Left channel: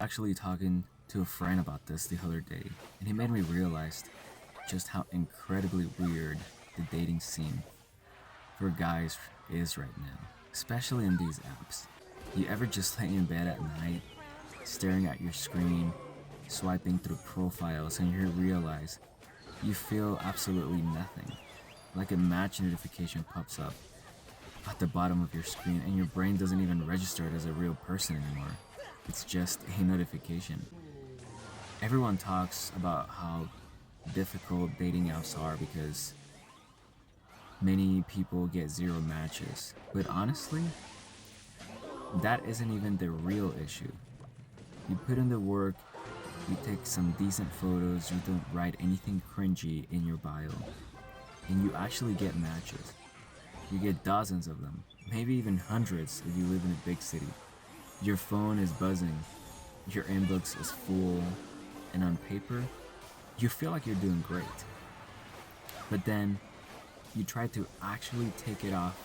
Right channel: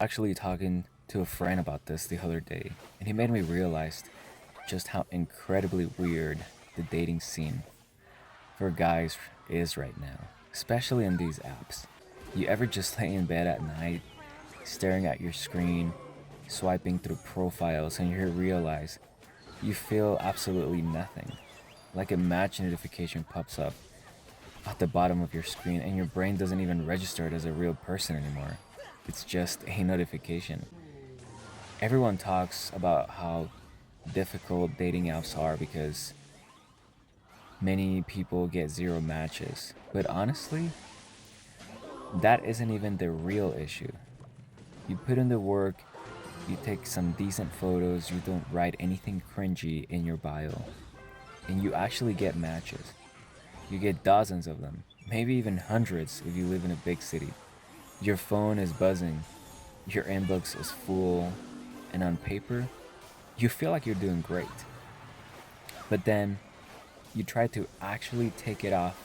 Actually talking to a friend about this the other day, and he made me realize just how incredibly weird the dating scene for guys is right now, especially in these apps. You ever just lay in bed at night, staring at your screen, swiping through profiles, and you realize you feel absolutely nothing? Like a match notification pops up at the bottom of your screen, and your brain doesn't even register it as a real person anymore. It's just a notification. Everyone talks about how difficult dating apps are because many people get zero matches. But honestly, that isn't even the real issue. You put in the work, you take some decent photos, you don't write anything cringy in your bio, and you actually get matches. You get dozens of them, maybe even hundreds if you live in a big city. Your phone is buzzing, your inbox is full, and on paper, you feel like you're doing great. But then you try to actually take it off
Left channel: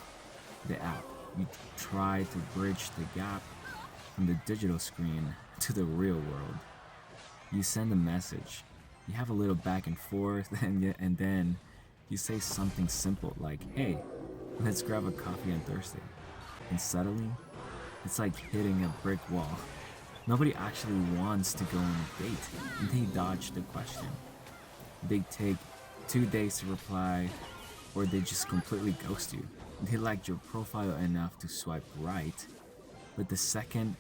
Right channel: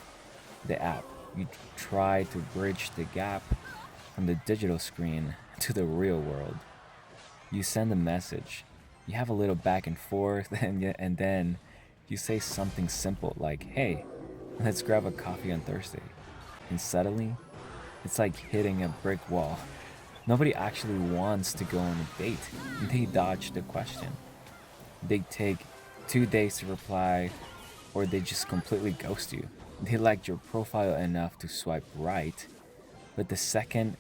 the app. You try to bridge the gap from the digital screen to the real world. You send a message, you have a little back and forth, and then you say something simple like, hey, let's grab a coffee on Thursday. And suddenly, it's like hitting a brick wall. Nobody actually wants to go on a date. They dodge the question. They take 2 days to reply, or they just completely ghost you. They liked your profile enough to swipe right, but the second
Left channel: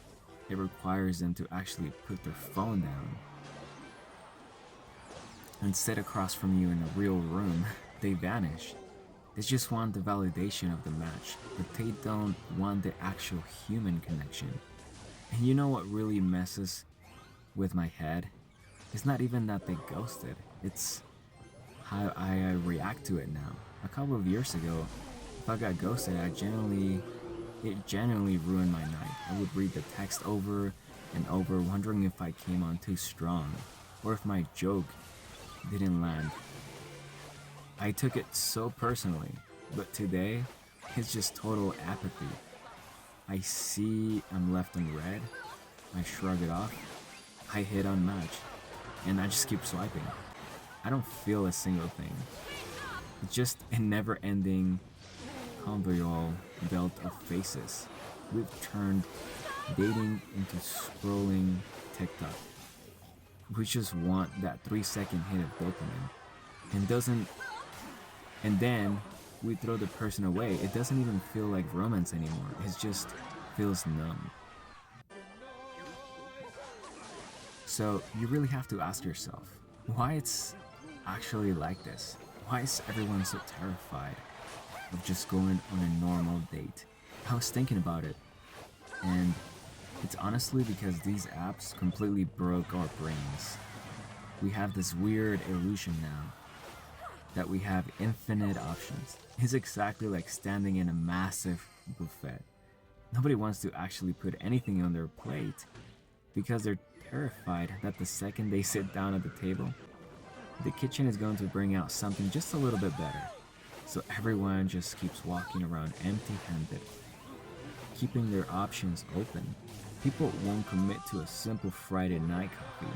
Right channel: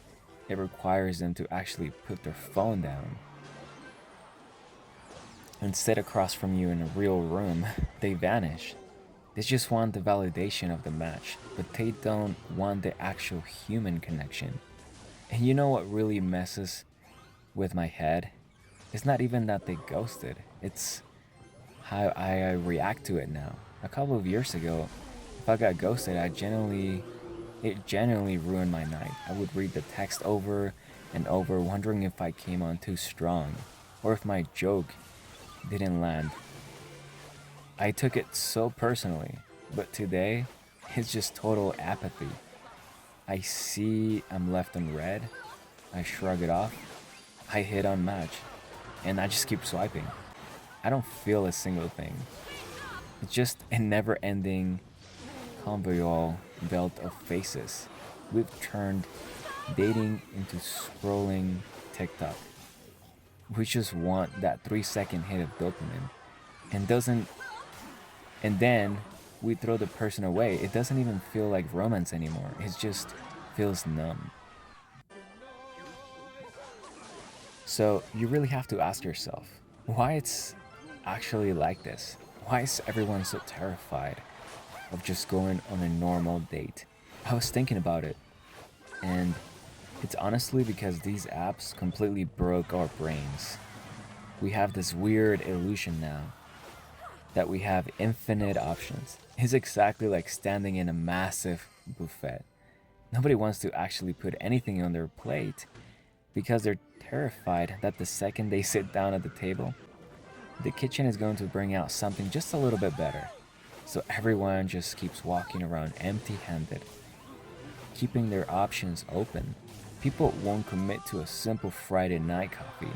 it requires them to actually put their phone down and sit across from you in a real room, they vanish. They just want the validation of the match, but they don't want the actual human connection. And you know what really messes with my head? It's not even that they ghosted, it's how I react to it now. A couple of years ago, if I got ghosted, it genuinely ruined my night. I would read the text over and over, wondering if I came on too strong, or if my joke didn't land. I took it so personally, but today, it's just total apathy. I see I'm left on red, I shrug it off, I hit unmatch, and I just keep swiping. I don't feel a single thing. It's just a never ending convoyal belt of faces. We've turned dating into scrolling TikTok. We just want that 3 second hit of dopamine. And doesn't and then we throw the person away. It doesn't even feel like romance anymore. It just feels numb. So you really have to ask yourself why it's actually like this. Why is everyone so terrified of just going on a normal date? I was thinking about it, and it's honestly because these apps completely broke our brains. We have this weird illusion now that we have infinite options. It's exactly like standing in a massive buffet. Nobody wants to actually put anything on their plate because they're terrified that the second they sit down at the table, the kitchen is going to bring out something just a little bit better. So everyone just keeps walking around empty handed, keeping their options open. People won't commit to a simple Friday night coffee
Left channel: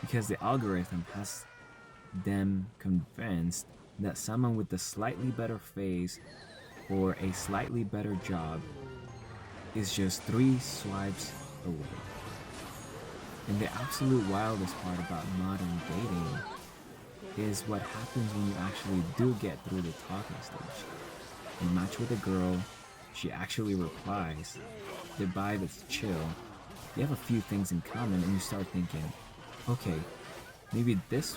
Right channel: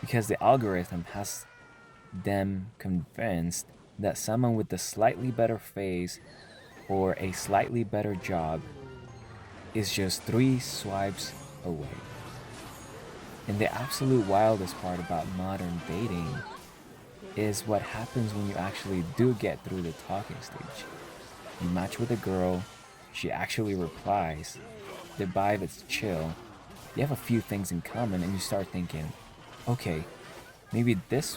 because the algorithm has them convinced that someone with a slightly better face or a slightly better job is just 3 swipes away. And the absolute wildest part about modern dating is what happens when you actually do get through the talking stage. You match with a girl, she actually replies, the vibe is chill, you have a few things in common, and you start thinking, okay, maybe this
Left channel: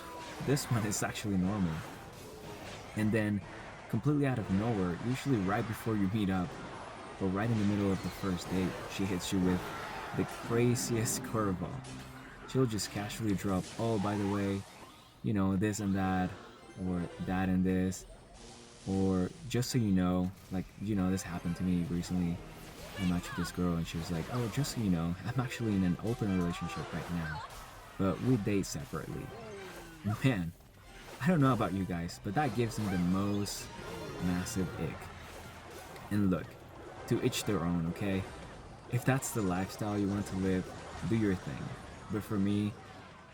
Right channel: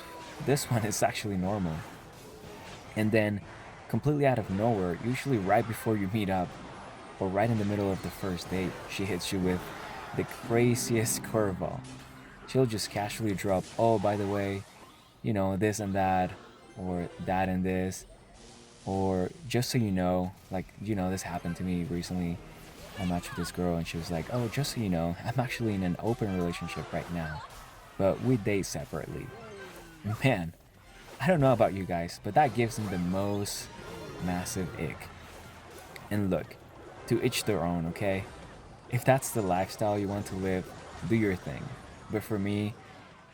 one is actually normal. And then, completely out of nowhere, usually right before you meet up, or right in the middle of the first date, she hits you with the craziest curveball. She'll just casually drop, oh, by the way, this and that, or that and this, or just so you know, like, this happened to me recently. I matched with this girl, and she was like, oh, just so you know, I'm actually in an open relationship right now, but we date separately. Man, I don't know about you guys, but that gives them the most massive ick. And look, to each their own, okay? If that's the lifestyle you want to live, do your thing. But for me,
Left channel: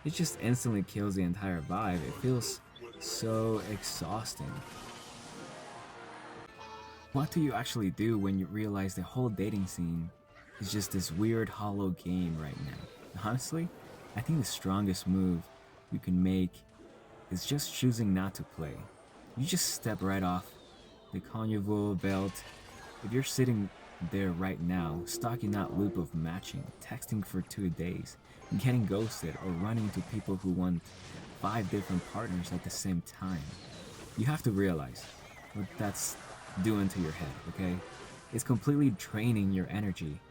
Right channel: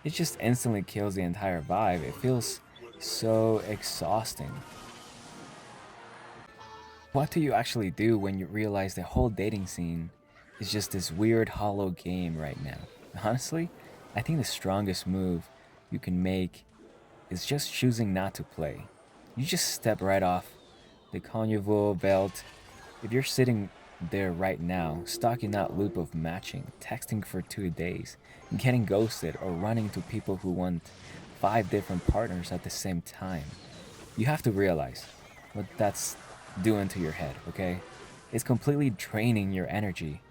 it just instantly kills the entire vibe. It feels so exhausting. What do you actually do when you realize the whole dating scene is just this weird hollow game right now? Honestly, I think the strongest move you can make is just choosing not to play. You just step right off the conjugal belt. If you're sitting there right now, stuck in that loop of matching, texting for 2 days, getting ghosted, or running to people who want 5 different partners at the same time, you have to realize what that's doing to your head, okay? It's completely draining your energy.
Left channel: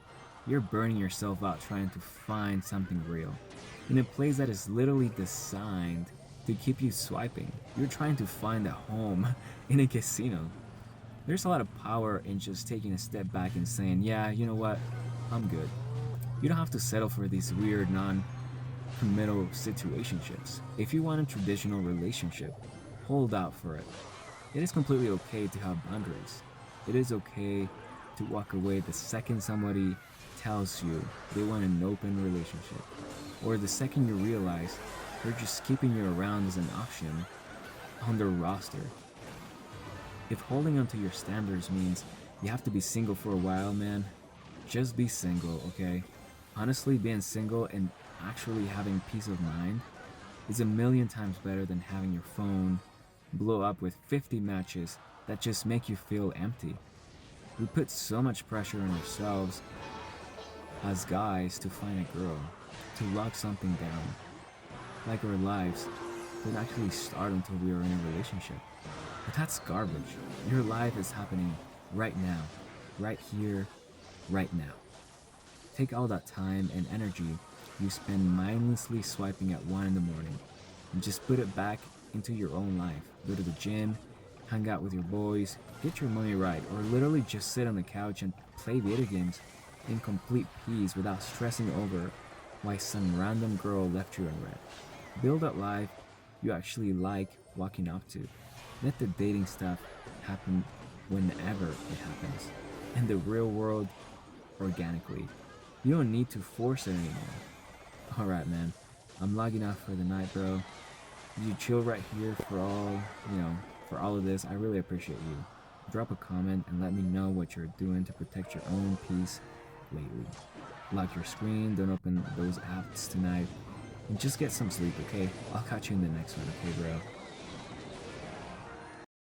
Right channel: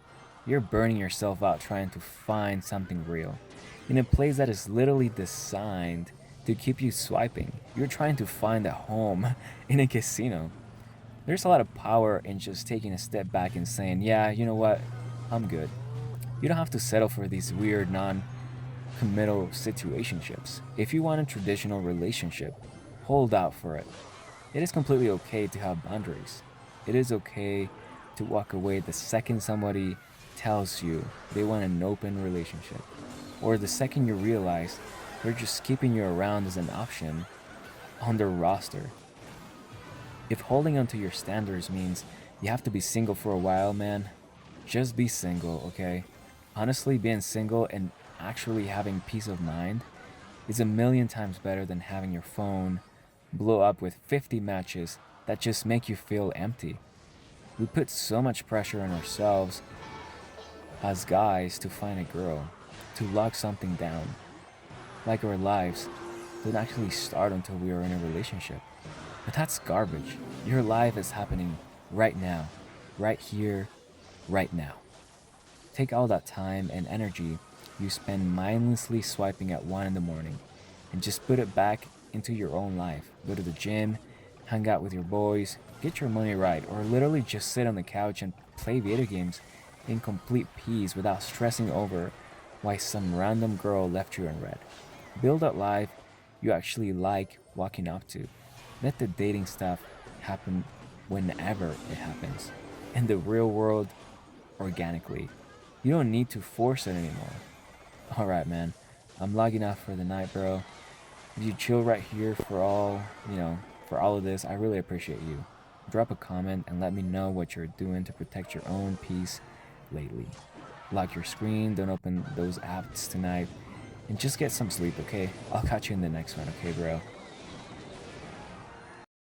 You're burning yourself out trying to find something real in a place that is literally designed to keep you swiping. You're trying to find a home in a casino. There's a lot of power in just taking a step back and saying, yeah, you know what? I'm good. You don't have to settle for these weird non committal situationships. If you want a traditional relationship, hold out for it. It is completely okay to have boundaries. It is okay to walk away the second somebody tells you they want an open relationship, or the second you realize they're just keeping you around as an option on their roster. If holding onto your standards means you have to be single for a while, man, just be single, okay? Honestly, being single and actually having peace of mind is a million times better than having your phone blow up with 50 matches that just make you feel empty. We put so much pressure on ourselves as guys to find a girl, to lock something down, like our lives don't actually start until we are in a relationship. But that's garbage. Your life is happening right now, right here, right now. Take all that time and energy you spend mindlessly swiping at 1 in the morning and just put it back into your own life. Go to the gym, hang out with your boys, get your money right, or literally just sit on the couch and play video games in complete peace without stressing over why some random girl left you unread. Build that life you actually like walking up to. Let the dating stuff happen whenever it happens. In the real world, organically. You don't need to force it anymore. Alright, man. I'm logging off for the night, bro. If you chill right here for for all of this, I really appreciate you. Drop a comment and let me know what you're doing to protect your own peace lately. Lock your screen, don't open those apps tonight, and just get some sleep, okay? I'll catch you in the next one, okay, bro?